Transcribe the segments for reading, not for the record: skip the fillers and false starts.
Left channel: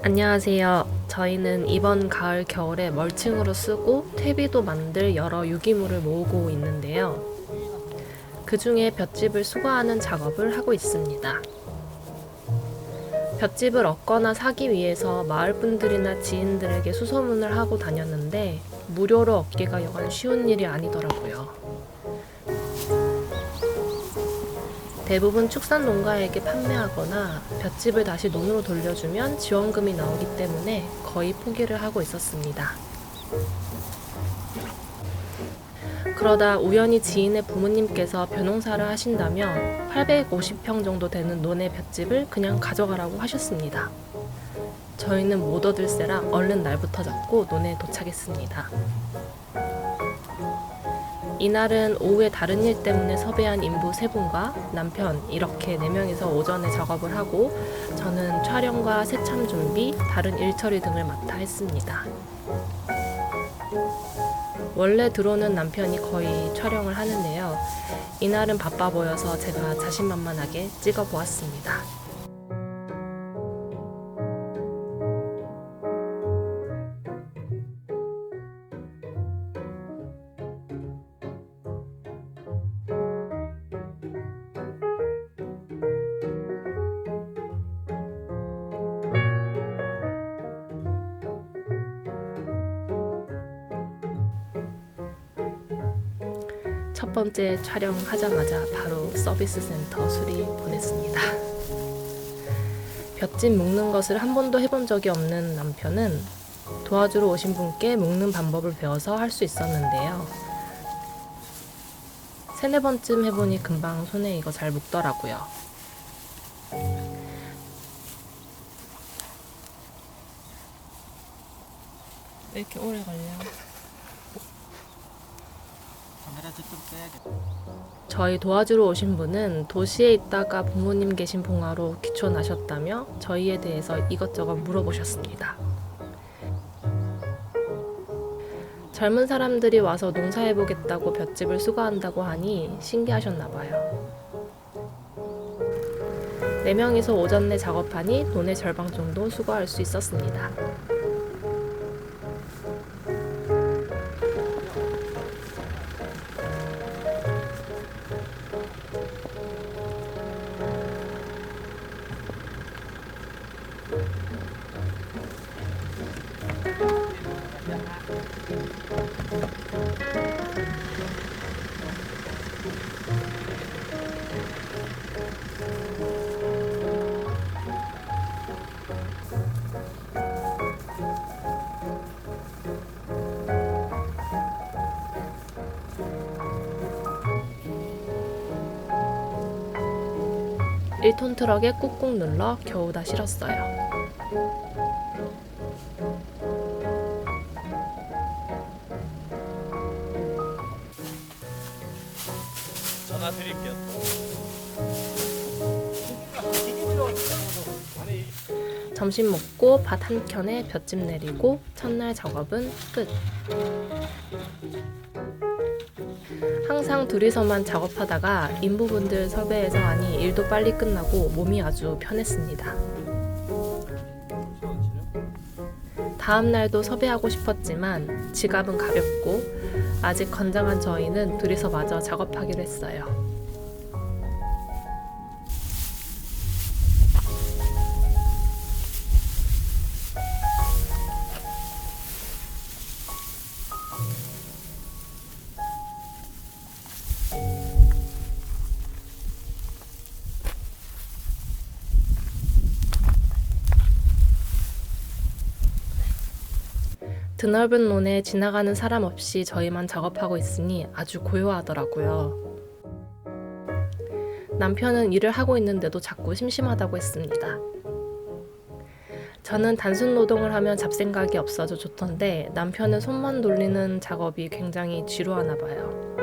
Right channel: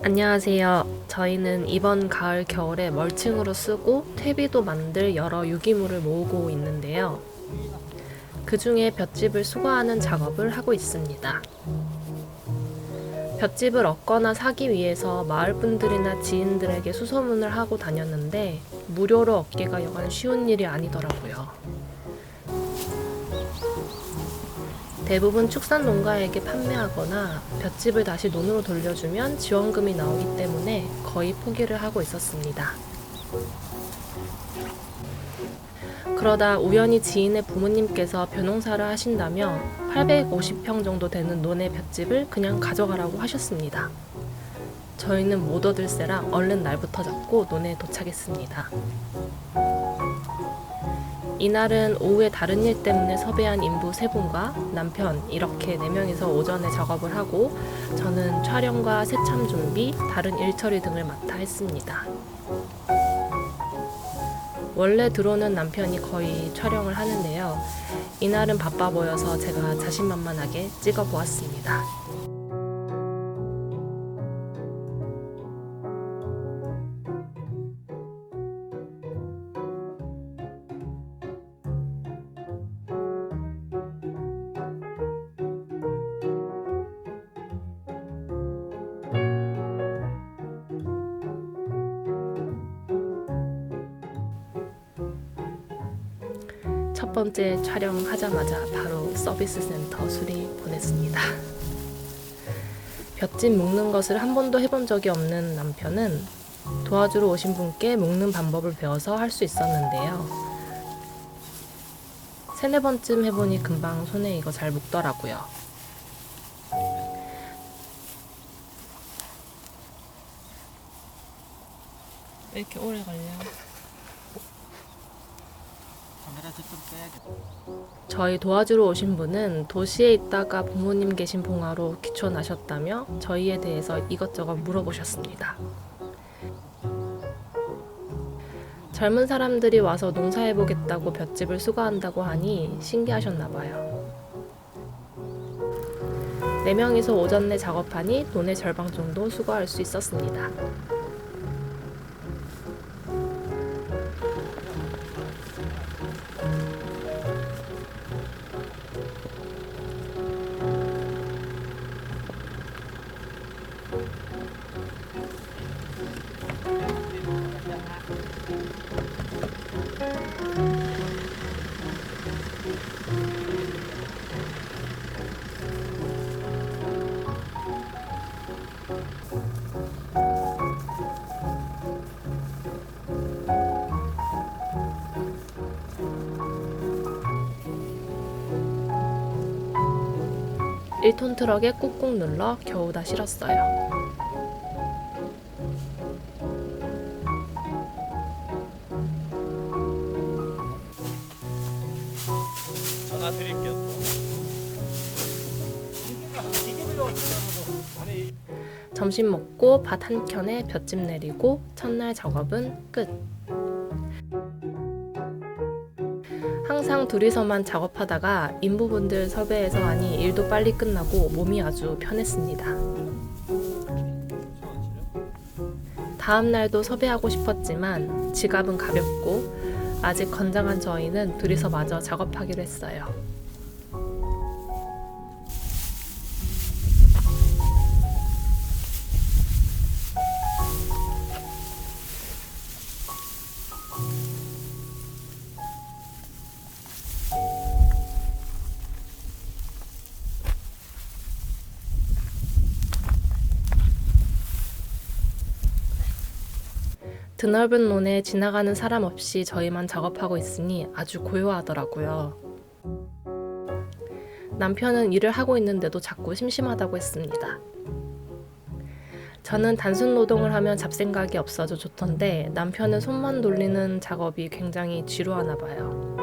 안녕하세요. 저희는 이번 가을 겨울에 멀칭으로 쓰고 퇴비도 만들 여러 유기물을 모으고 있는데요. 그 중에 볏짚을 수거하는 작업을 하고 있습니다. 볏짚을 얻거나 사기 위해서 마을 분들이나 지인들에게 수소문을 하고 다녔는데 무료로 얻기가 여간 쉬운 일이 아니더라고요. 대부분 축산 농가에게 판매하거나 볏짚을 다시 논으로 돌려주면 지원금이 나오기 때문에 거의 포기를 하고 있었습니다. 그러다 우연히 지인의 부모님께서 벼농사를 하신다며 850평 정도 되는 논의 볏짚을 그냥 가져가라고 하셨습니다. 저희는 못 얻을세라 얼른 날부터 잡고 논에 도착했습니다. 이날은 오후에 다른 일 때문에 섭외한 인부 3분과 남편 이렇게 4명이서 오전에 작업을 하고 저는 촬영과 새참 준비, 다른 일 처리 등을 맡아 했습니다. 원래 들어오는 남편이 거의 촬영을 하는데요. 이날은 바빠 보여서 제가 자신만만하게 찍어 보았습니다. 첫 번째 촬영하자마자 바로 서비스 센터 수리 보냈습니다. 볏짚 묶는 것을 한 번도 해본 적이 없는 남편은 도와주러 오신 분께 묶는 방법을 배워서 할 수 있었는데요. 3-4번쯤 해보니 금방 손에 이거 잘 묶더라고요. 왜 이렇게 오래 걸려? 저희 도와주러 오신 분은 도시에 있다가 부모님 계신 봉화로 귀촌하셨다며 저희에 대해서 이것저것 물어보셨습니다. 젊은 사람들이 와서 농사해보겠다고 볏짚을 수거한다고 하니 신기하셨나봐요. 4명이서 오전 내 작업하니 논의 절반 정도 수거할 수 있었습니다. 일 톤 트럭에 꾹꾹 눌러 겨우 다 실었어요. 전화 드릴게요. 점심 먹고 밭 한 켠에 볏짚 내리고 첫날 작업은 끝. 항상 둘이서만 작업하다가 인부분들 섭외해서 하니 일도 빨리 끝나고 몸이 아주 편했습니다. 다음 날도 섭외하고 싶었지만 지갑은 가볍고 아직 건장한 저희는 둘이서 마저 작업하기로 했어요. 드넓은 논에 지나가는 사람 없이 저희만 작업하고 있으니 아주 고요하더라고요. 남편은 일을 하고 있는데도 자꾸 심심하다고 했습니다. 저는 단순 노동을 하면 잡생각이 없어져 좋던데 남편은 손만 돌리는 작업이 굉장히 지루하나 봐요.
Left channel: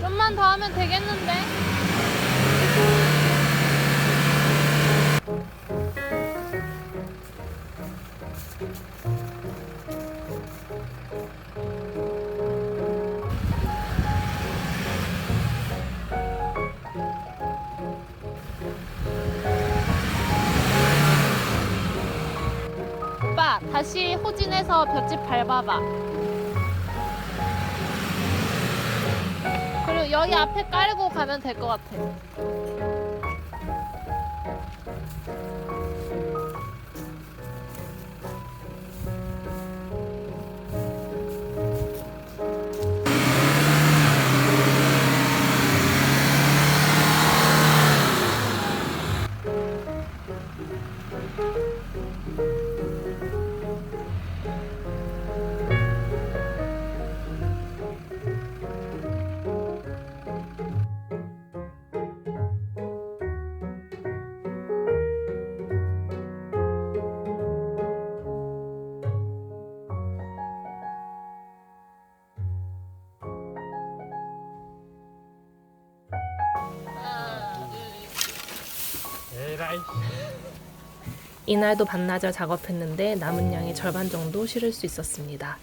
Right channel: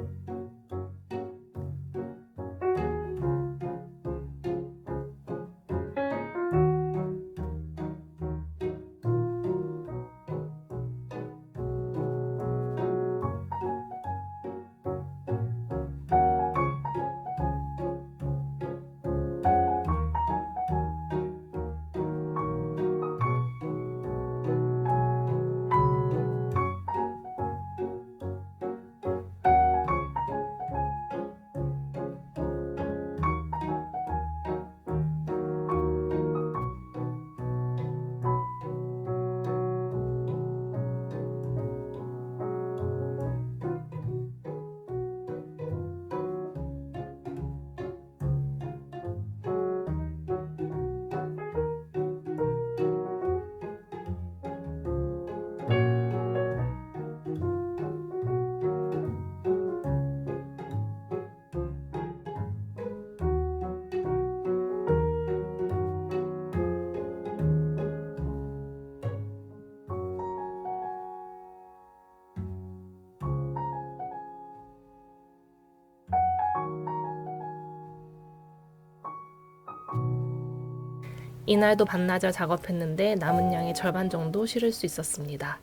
좀만 더 하면 되겠는데? 직진해서 볏짚 밟아봐. 그리고 여기 앞에 깔고 가면 될 것 같아. 에라이. 이날도 반나절 작업했는데 남은 양의 절반 정도 실을 수 있었습니다.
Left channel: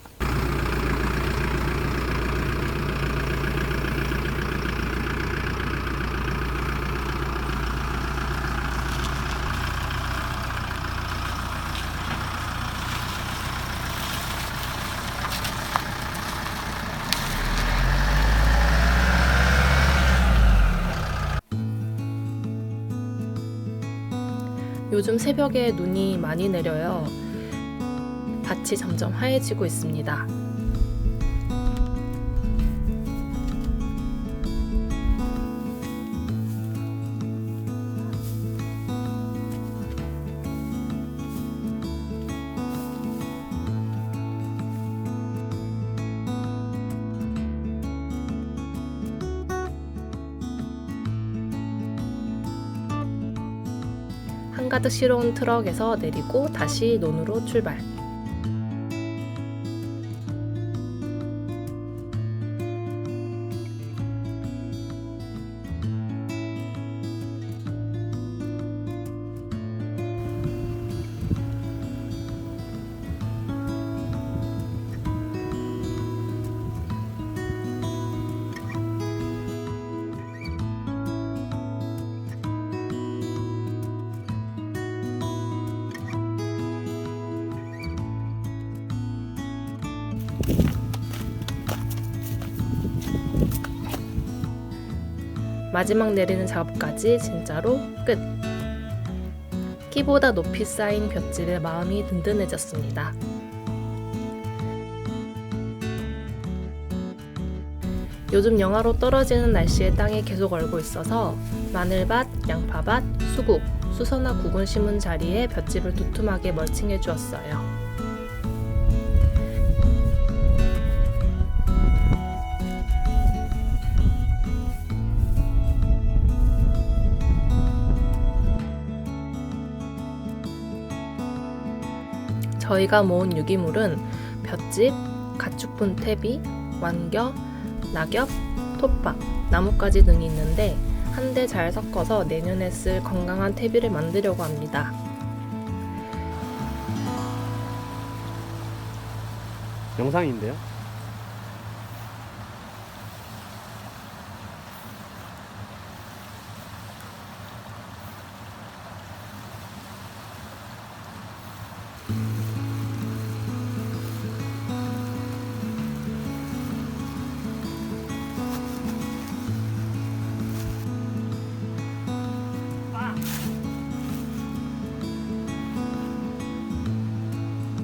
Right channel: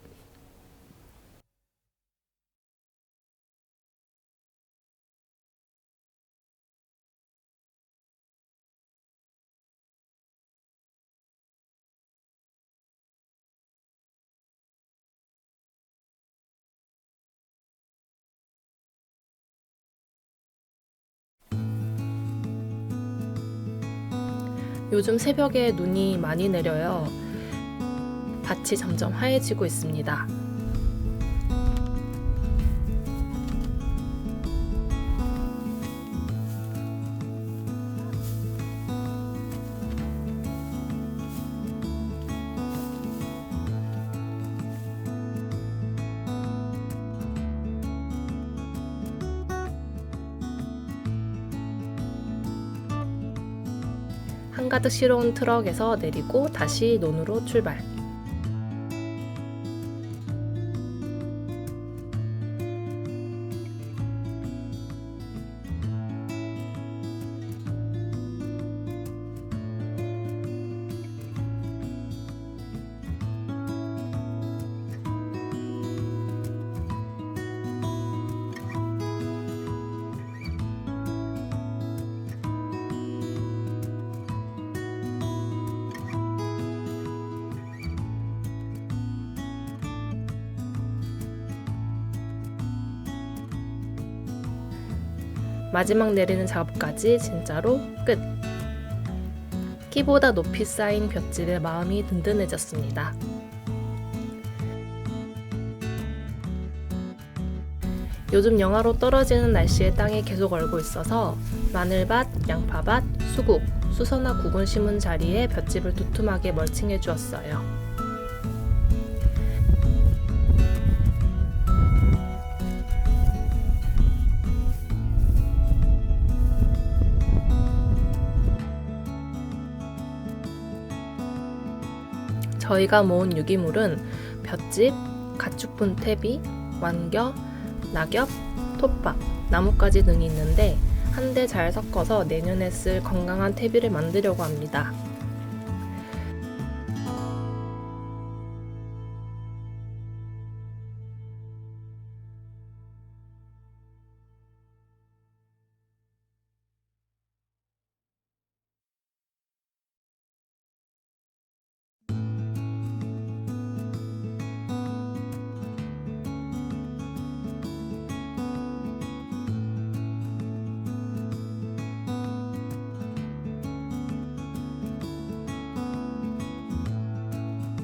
요즘 새벽에 눈이 많이 내려요. 밭이 점점 하얘지고 있습니다. 한가득 실어온 트럭에서 내리고 다시 논으로 출발. 마지막 내리는 작업까지 진짜로 끝! 키보다 높이 쌓인 볏짚에 마음이 든든해졌습니다. 요즘 영하로 떨어지는 날씨에 땅이 계속 얼고 있어서 마늘밭, 양파밭, 수국, 수서나 구근 심은 자리에 볏짚을 두툼하게 멀칭해 주었어요. 저희가 모은 유기물은 볏짚, 가축분 퇴비, 완겨, 낙엽, 톱밥, 나뭇가지 등이 있는데 한데 잘 섞어서 내년에 쓸 건강한 퇴비를 만들려고 합니다. 영상인데요?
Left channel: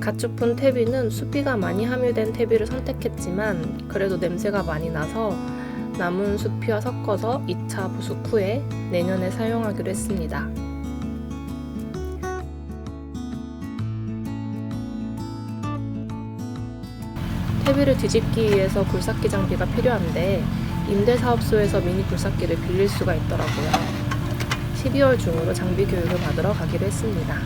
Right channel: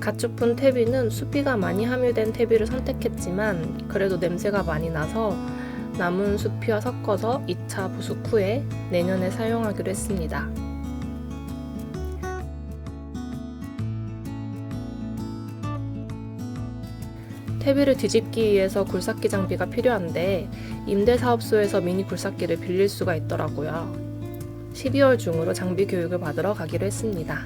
가축분 퇴비는 수비가 많이 함유된 퇴비를 선택했지만 그래도 냄새가 많이 나서 남은 수피와 섞어서 2차 부숙 후에 내년에 사용하기로 했습니다. 퇴비를 뒤집기 위해서 굴삭기 장비가 필요한데 임대사업소에서 미니 굴삭기를 빌릴 수가 있더라고요. 12월 중으로 장비 교육을 받으러 가기로 했습니다.